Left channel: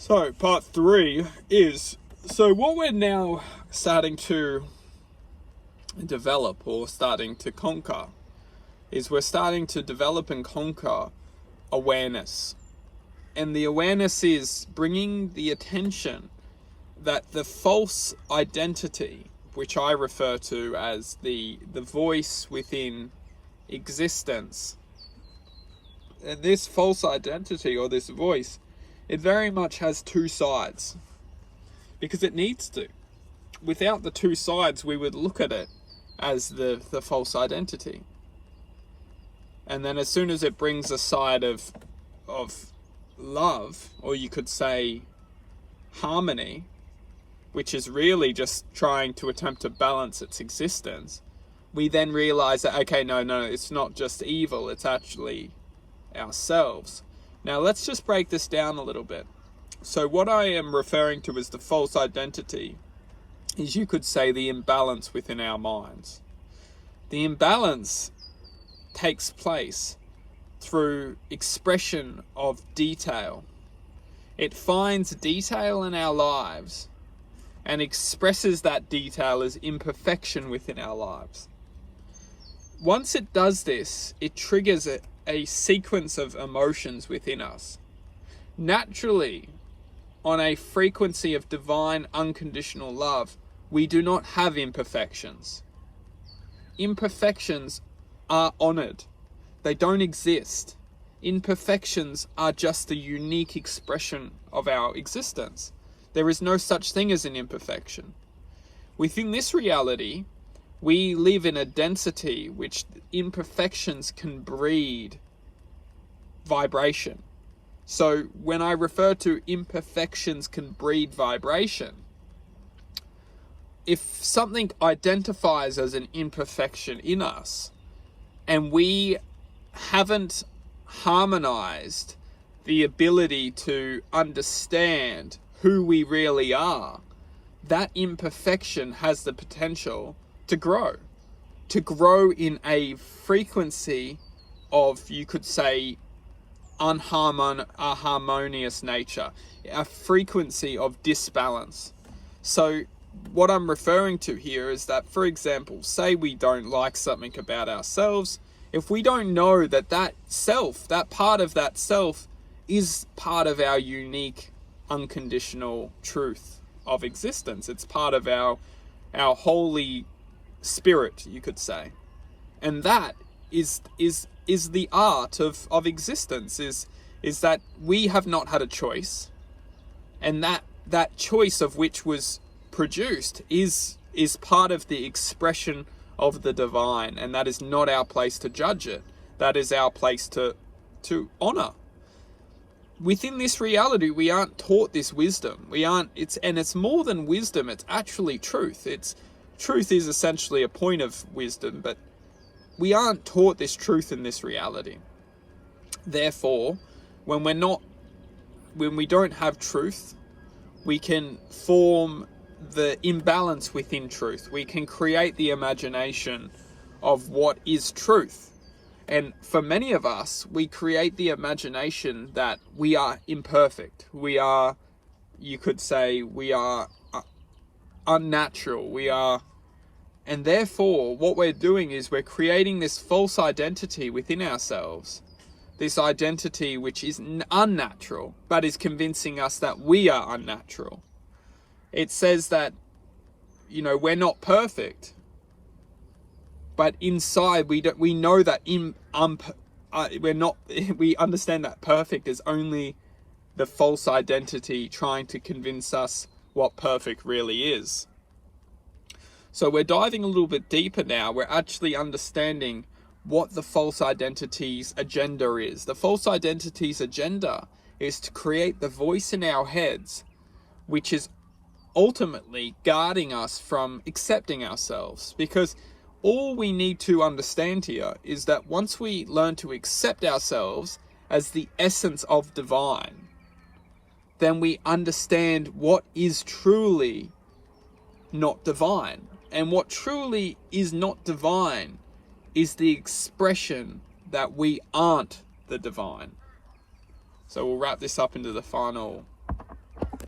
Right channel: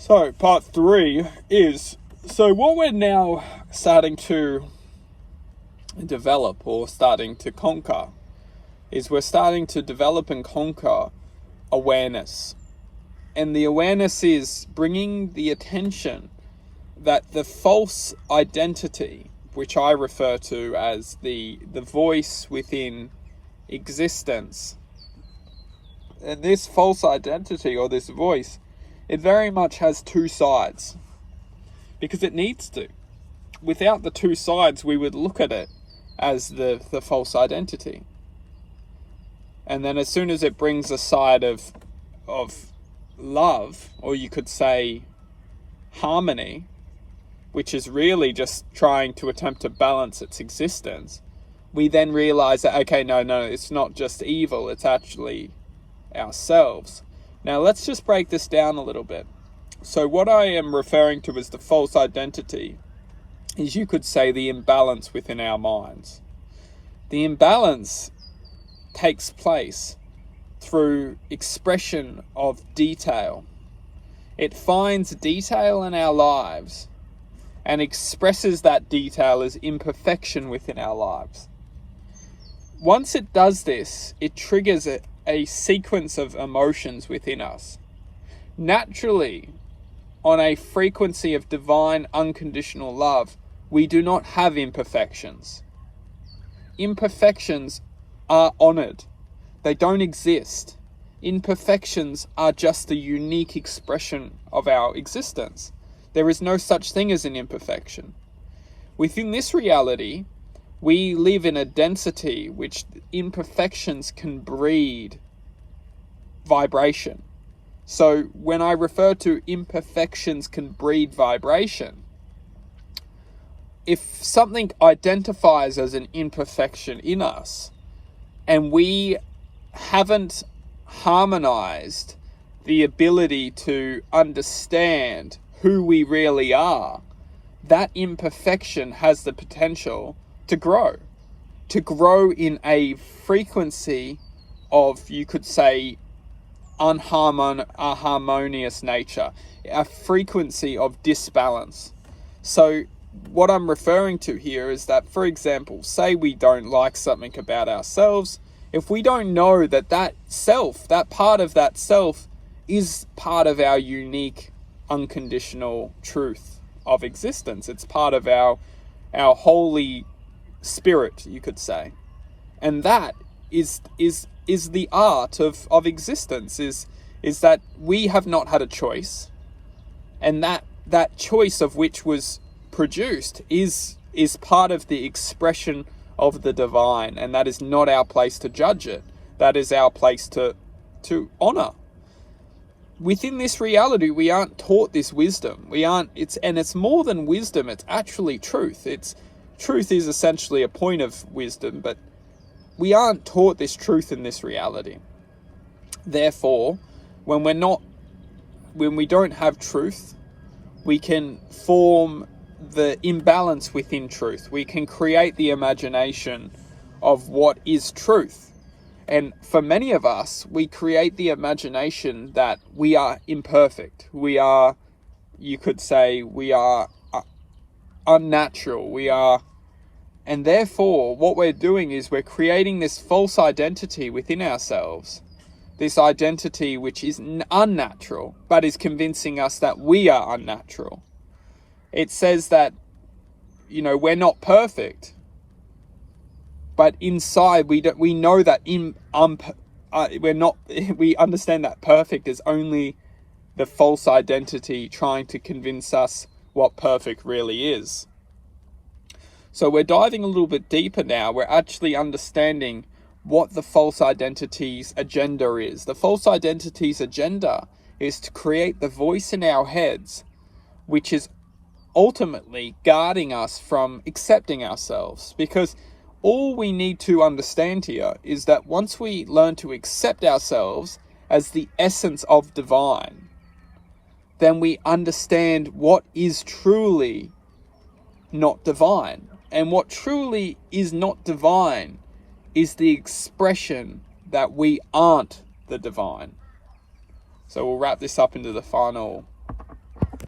So part 3 is, so what we're now starting to develop or starting to conquer is we're starting to develop and conquer awareness. And the awareness is bringing the attention that the false identity, which I refer to as the voice within existence, and this false identity or this voice, it very much has two sides, because it needs to. Without the two sides, we would look at it as the false identity. And then as soon as it brings a side of love, or you could say harmony, which is really just trying to attempt to balance its existence, we then realize that, okay, no, it's not just evil, it's actually ourselves. Now let's just break this down a little bit. So what I am referring to as the false identity is, you could say, the imbalance within our minds. The imbalance takes place through expression of detail. It finds detail in our lives and expresses that detail as imperfection within our lives. Once it does this, it triggers a sequence of emotions within us. Naturally, on a frequency of divine unconditional love, we do not have imperfections. Imperfections are honored. They don't exist. Imperfections are just a unique expression of our existence. There is no such thing as an imperfection. Within this reality, we live in a density which imperfections can breed vibration. So when I refer to imperfections can breed vibration, if something identifies as an imperfection in us, and we haven't harmonized the ability to understand who we really are, that imperfection has the potential to grow in a frequency of, you could say, a harmonious nature, a frequency of disbalance. So what I'm referring to here is that, for example, say we don't like something about ourselves. If we don't know that self, that part of that self, is part of our unique unconditional truth of existence, it's part of our holy spirit, you could say. And that is the art of existence, is that we have not had a choice, and that choice of which was produced is part of the expression of the divine, and that is not our place to judge it. That is our place to honor. Within this reality, we aren't taught this wisdom. It's more than wisdom, it's actually truth. Truth is essentially a point of wisdom, but we aren't taught this truth in this reality. Therefore, when we don't have truth, we can form the imbalance within truth. We can create the imagination of what is truth. And for many of us, we create the imagination that we are imperfect. We are, you could say, we are unnatural. And therefore, what we're doing is we're creating this false identity within ourselves. This identity which is unnatural, but is convincing us that we are unnatural. It says that, we're not perfect, but inside we know that we're not. We understand that perfect is only the false identity trying to convince us what perfect really is. So we're diving a little bit deeper now. We're actually understanding what the false identity's agenda is. The false identity's agenda is to create the voice in our heads, which is ultimately guarding us from accepting ourselves. Because all we need to understand here is that once we learn to accept ourselves as the essence of divine, then we understand what is truly not divine. And what truly is not divine is the expression that we aren't the divine. So we'll wrap this up into the final